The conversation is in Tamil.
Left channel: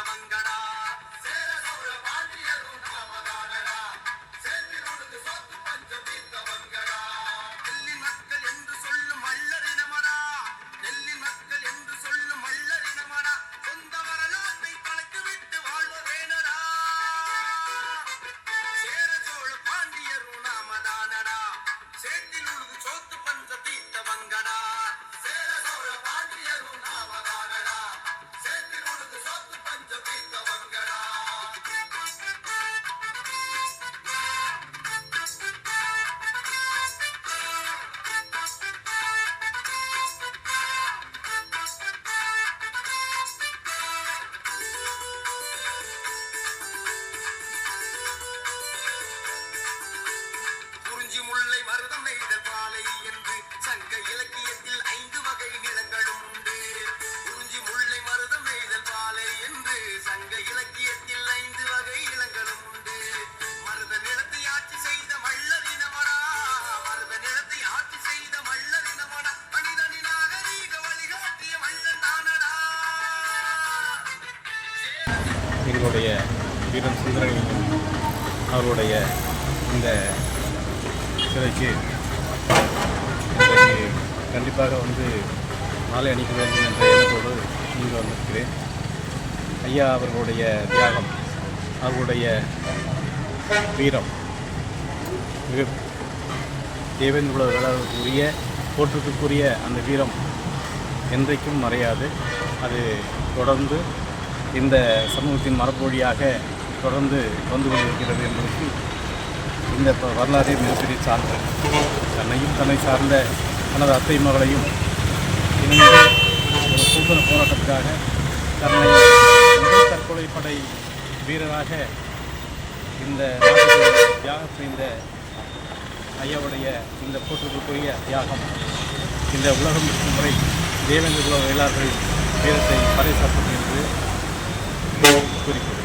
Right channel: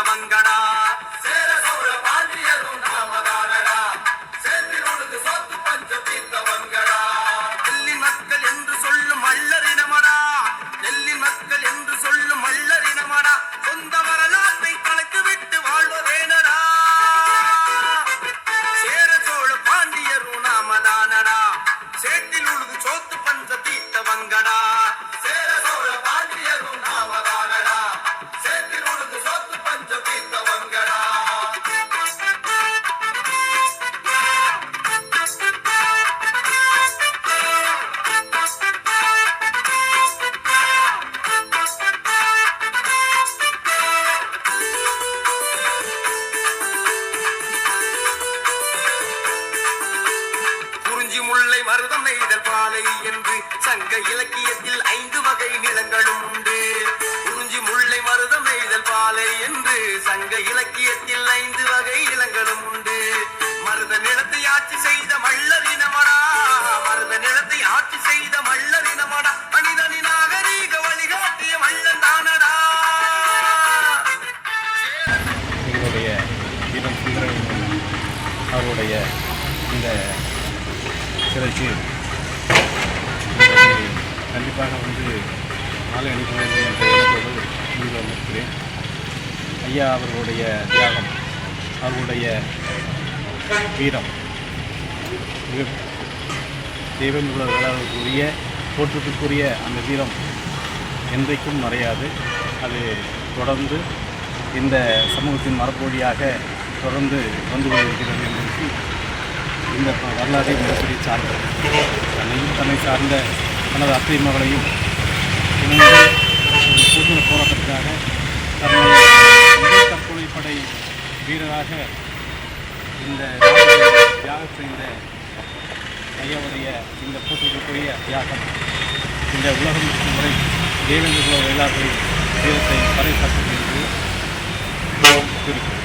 தீர்த்தவங்கடா. சேர சோழ பாண்டியரும் நாமதானடா, சேற்றில் உழுது சோத்து பஞ்சம் தீர்த்தவங்கடா. நெல்லின் மக்கள் என்று சொல்லும் மல்லரினமடா, நெல்லின் மக்கள் என்று சொல்லும் மல்லரினமடா, சொந்த வரலாற்றை கலைத்து விட்டு வாழ்வதேனடா. சேர சோழ பாண்டியரும் நாமதானடா, சேற்றில் உழுது சோத்து பஞ்சம் தீர்த்தவங்கடா. சேர சோழ பாண்டியரும் நாமதானடா, சேற்றில் உழுது சோத்து பஞ்சம் தீர்த்தவங்கடா. குறிஞ்சி முல்லை மருதம் நெய்தல் பாலை என்று சங்க இலக்கியத்தில் 5 வகை நிலங்களும் உண்டு. குறிஞ்சி முல்லை மருதம் நெய்தல் பாலை என்று சங்க இலக்கியத்தில் 5 வகை நிலங்களும் உண்டு. மருத நிலத்தை ஆட்சி செய்த மல்லரினமடா, மருத நிலத்தை ஆட்சி செய்த மல்லரினமடா, மனிதனின் நாகரீக வழிகாட்டிய மல்லன் தானடா. எங்களுடைய வீரன் சுந்தரலிங்கம் அவருடைய இந்த சிலைக்கு இன்றைக்கு கண்டிப்பாக மாலை அனுப்ப வேண்டும் என்ற எண்ணத்தோடு இங்கு வந்திருக்கிறேன். ஐயா அவர்களுடைய தியாகம், அவர்களுடைய வீரம் மிக தேவேந்திர வேளாளர்களுக்குரிய போற்றுக்குரிய அந்த வீரம் என்றைக்கும் மறையாது. அது தொடர்ந்து இந்த சமூகத்தின் மரபொழியாக தொடர்ந்து வந்து கொண்டிருக்கிறது என்பதற்கு இந்த வரலாறு மிகப்பெரிய சார்ந்த தன்னையும் தன்னை சார்ந்த தனது அத்தை மகளையும் இணைந்து ஒரு சுதந்திர போராட்டத்துக்காக தன்னை முதல் தற்கொலைப்படை வீரராக இந்த தியாகம் செய்த ஐயாவுடைய இந்த போற்றுக்குரிய தியாகம் இந்த உலகம் இருக்கும் முறை தேவேந்திர குல வேளாளர்களின் வீரத்தை பறைசாற்றும் என்று குறிக்கும்.